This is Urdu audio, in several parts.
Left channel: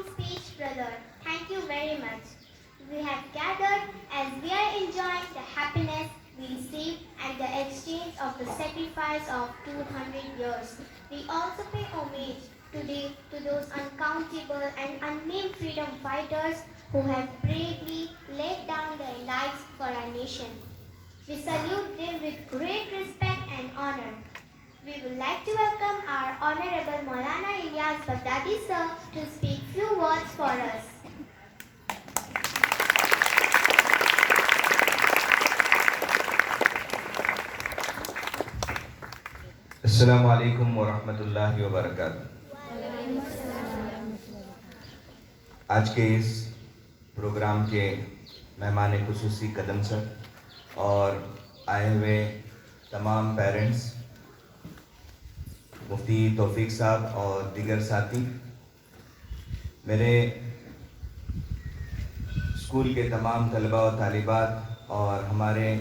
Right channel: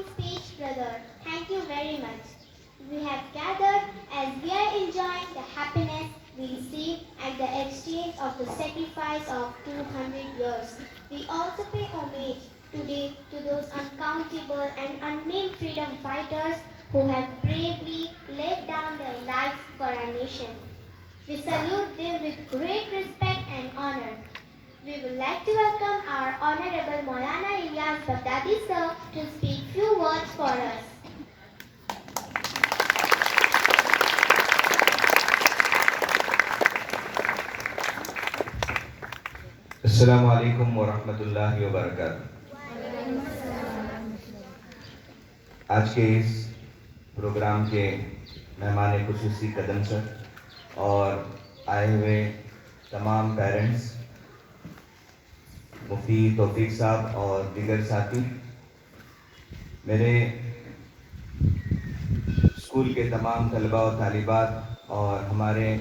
long speech, brother. Thank you very much. We have gathered as we are enjoying the happiness we received at the exchange of the sacrifice of 200 years. We also pay homage today to those uncountable and unnamed freedom fighters who have bravely laid down their lives for our nation. We salute them with great respect and honor. We would like to welcome our Honorable Maulana Ilyas Baghdadi sir to speak few words for us. السلام علیکم ورحمۃ اللہ وبرکاتہ۔ آج کے اس پروگرام کے مہمان خصوصی قدم سر اور آئے ہوئے تمام پیرنٹس، مفتی توفیق صاحب اور دیگر ساتھی، میرے اسکول کے تمام طلباء و طالبات اور ہمارے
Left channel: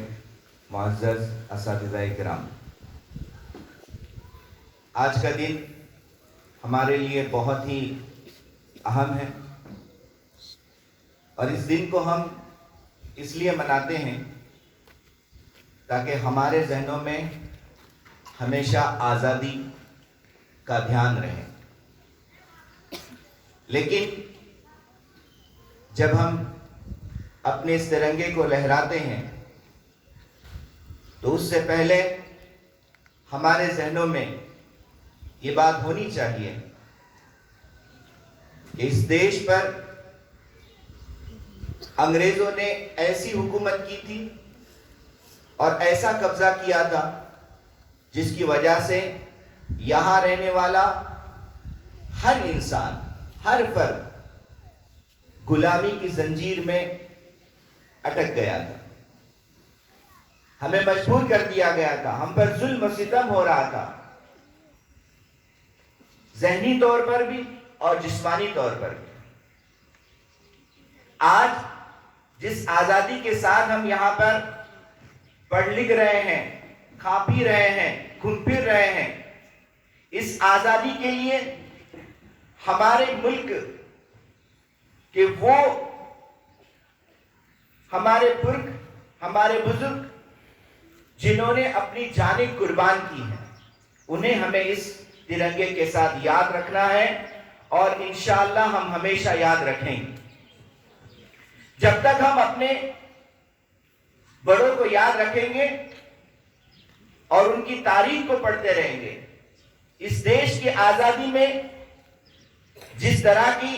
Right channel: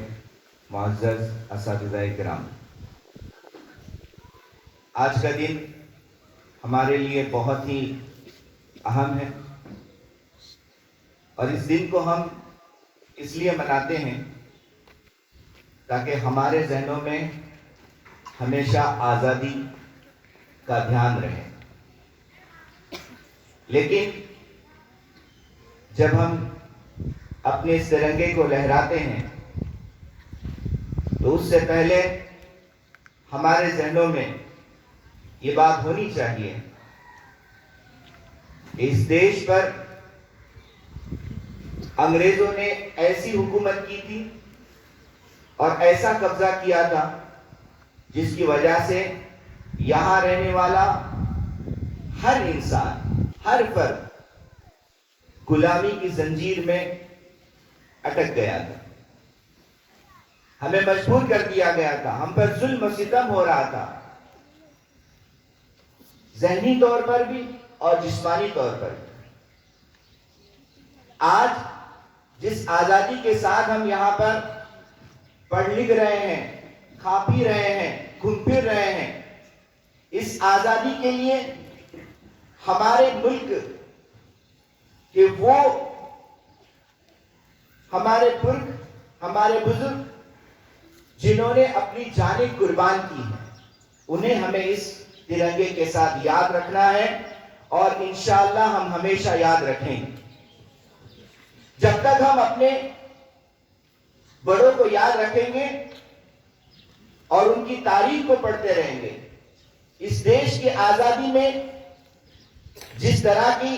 معزز اساتذہ کرام، آج کا دن ہمارے لیے بہت ہی اہم ہے اور اس دن کو ہم اس لیے مناتے ہیں تاکہ ہمارے ذہنوں میں ہمیشہ آزادی کا دھیان رہے۔ لیکن جب ہم اپنے اس ترنگے کو لہراتے ہیں تو اس سے پہلے ہمارے ذہنوں میں یہ بات ہونی چاہیے کہ اس دیش پر انگریزوں نے ایسی حکومت کی تھی اور ایسا قبضہ کیا تھا جس کی وجہ سے یہاں رہنے والا ہر انسان، ہر فرد غلامی کی زنجیر میں اٹک گیا تھا، ہمیں مجبور کر دیا گیا تھا، ہم پر ظلم و ستم ہو رہا تھا، ذہنی طور پر بھی اور جسمانی طور پر بھی۔ آج جس آزادی کے ساتھ ہم یہاں پر پڑھ لکھ رہے ہیں، کھا پی رہے ہیں، گھوم پھر رہے ہیں، اس آزادی کے لیے ہمارے ملک کہ وہ ہمارے پرکھ، ہمارے بزرگ جنہوں نے اپنی جانیں قربان کی ہیں، انہیں ہمیں اس ترنگے کے ساتھ یاد رکھنا ہے اور انشاءاللہ ہم ہمیشہ یاد رکھیں گے۔ جب تک ہم اپنے بڑوں کو یاد رکھیں گے اور ان کی تاریخ کو پڑھتے رہیں گے، اس دیش کی آزادی میں جس طرح کی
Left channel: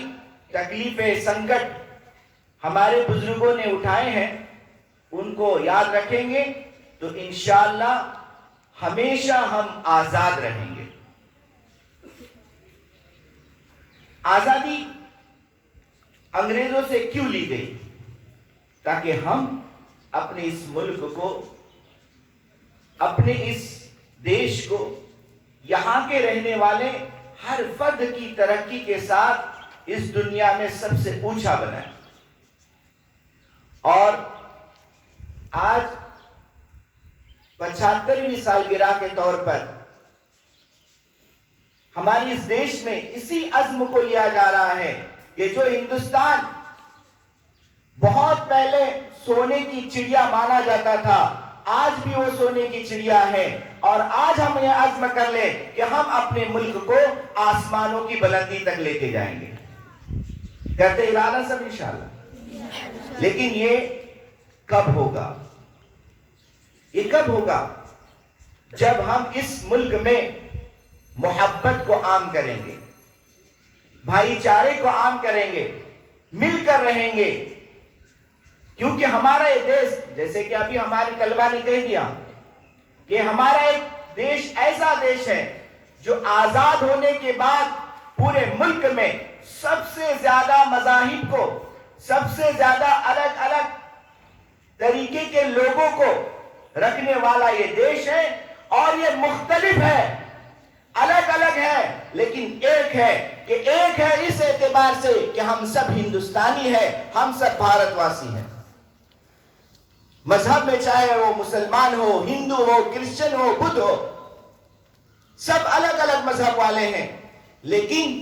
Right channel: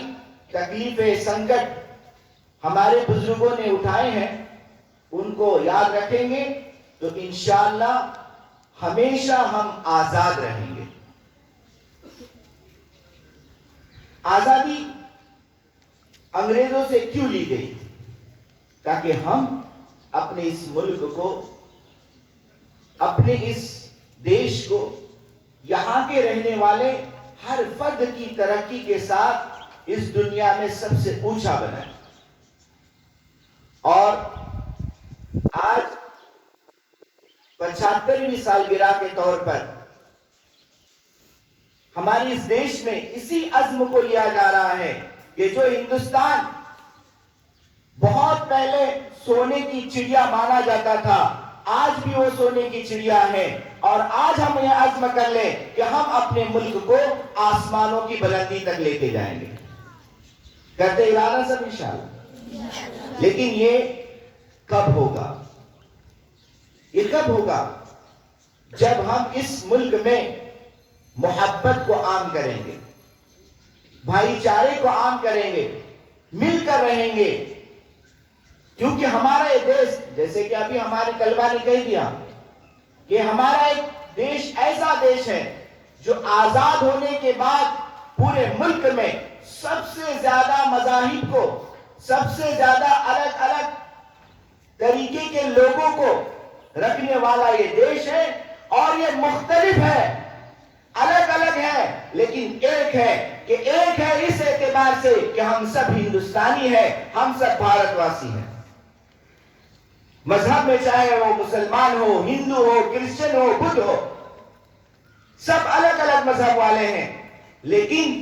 تکلیفیں، سنکٹ ہمارے بزرگوں نے اٹھائے ہیں، ان کو یاد رکھیں گے تو انشاءاللہ ہمیشہ ہم آزاد رہیں گے۔ آزادی انگریزوں سے کیوں لی گئی؟ تاکہ ہم اپنے اس ملک کو، اپنے اس دیش کو، یہاں کے رہنے والے ہر فرد کی ترقی کے ساتھ اس دنیا میں سب سے اونچا بنائیں۔ اور آج 75ویں سالگرہ کے طور پر ہمارے اس دیش میں اسی عزم کو لیا جا رہا ہے کہ جو ہندوستان بہت پہلے سونے کی چڑیا مانا جاتا تھا، آج بھی وہ سونے کی چڑیا ہے، اور آج ہم یہ عزم کر لیں کہ ہم اپنے ملک کو آسمانوں کی بلندی تک لے کے جائیں گے۔ کرتے ارادہ سب انشاءاللہ۔ لیکن یہ کب ہوگا؟ یہ کب ہوگا؟ جب ہم اس ملک میں محبت کو عام کریں گے، بھائی چارے کو عام کریں گے، مل کر رہیں گے، کیونکہ ہمارا یہ دیش، جیسے کہ ابھی ہمارے طلبہ نے کہہ دیا کہ ہمارا ایک دیش ایسا دیش ہے جو آزاد ہونے کے بعد پورے ملک میں سب سے زیادہ مذاہب کو، سب سے زیادہ الگ الگ طریقے کے لوگوں کو رکھنے والا یہ دیش ہے، اور یہ مختلف ہے، الگ الگ ہے، لیکن ایک ہے کہ ایک ہے اس اعتبار سے کہ ہم سب ہندوستانی ہیں، ہم سب بھارت واسی ہیں۔ مذہب میں چاہے وہ مسلمان ہو، ہندو ہو، کرسچن ہو، بدھ ہو، سب الگ الگ مذہب والے ہیں، لیکن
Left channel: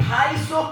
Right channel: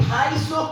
250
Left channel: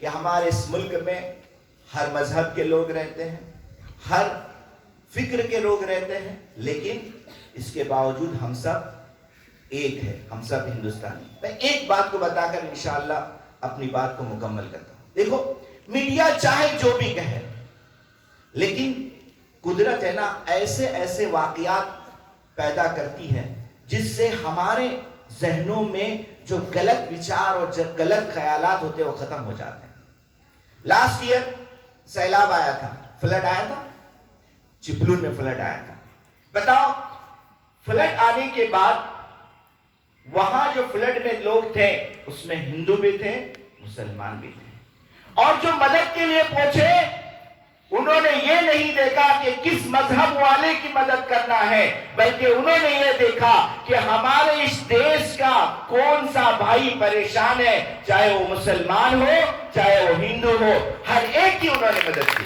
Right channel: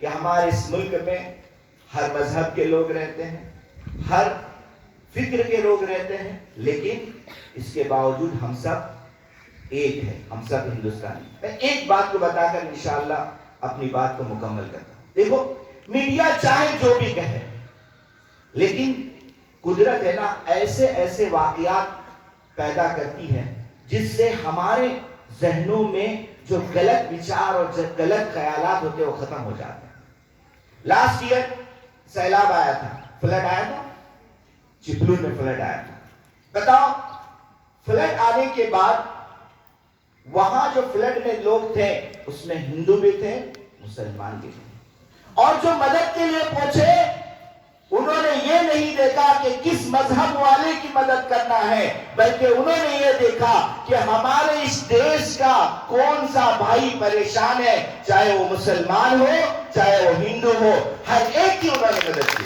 کہ ہمارے اس ملک میں ہر مذہب کے لوگ رہتے ہیں, ہر فکر کے لوگ رہتے ہیں, لیکن اس کے باوجود ہم سب ایک ہیں, ہم سب ہندوستانی. میں ایک بات کو بتا کر انشاءاللہ اپنی بات کو مکمل کرتا ہوں. دیکھو, میڈیا چاہے جو بھی کہے, لیکن قدرت ہے نا ایسے ایسے واقعات پیدا کرتی ہے جس سے ہمارے ذہنوں میں جو غلط وچار اور غلط خیالات ہوتے ہیں وہ ختم ہو جاتے ہیں. لاسٹ ایئر سیلاب آیا تھا, فلڈ آیا تھا, چپلور میں فلڈ آیا تھا. بتاؤ, فلڈ آنے کے بعد وہاں جو فلڈ میں لوگ تھے اس میں ہندو بھی تھے, مسلمان بھی تھے, اور جو مدد کے لیے پہنچے انہوں نے یہ نہیں دیکھا کہ کس مذہب والے کی مدد کرنا ہے, بلکہ انہوں نے یہ دیکھا کہ ہمارے اس دیش کا کون سا بھائی پریشان ہے, چاہے وہ مسلمان ہو چاہے وہ ہندو ہو, ہر ایک کی انہوں نے مدد کی.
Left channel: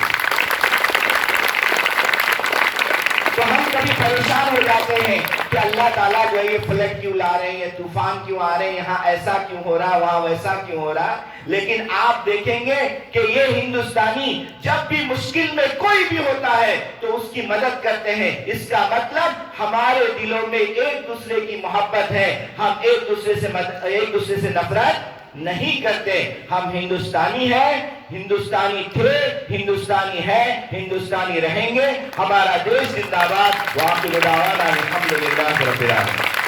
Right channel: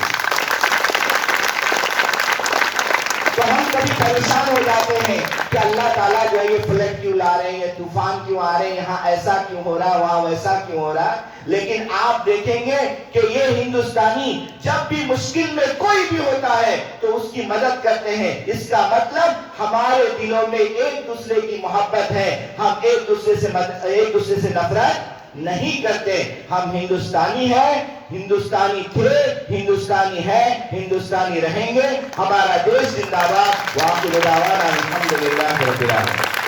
تو ہم کبھی پریشان ہو جاتے ہیں کہ اللہ تعالیٰ جو ہے یہ فلڈ کیوں لا رہے ہیں, یہ طوفان کیوں آ رہے ہیں, یہاں ایسا کیوں ہو رہا ہے, وہاں ویسا کیوں ہو رہا ہے. لیکن آپ دیکھیں گے کہ یہ ہندوستانی جب بھی مشکل میں کوئی بھی ہوتا ہے تو اس کی مدد کرتے ہیں. اس کا مطلب ہمارے دلوں میں ایک دوسرے کی محبت ہے, ہم ایک دوسرے سے نفرت نہیں کرتے. ہم ہندوستانی ہیں, ہندوستانی تھے, ہندوستانی ہے, ہندوستانی رہیں گے. ہمارا دیش زندہ باد. وآخر دعوانا الحمدللہ رب العالمین.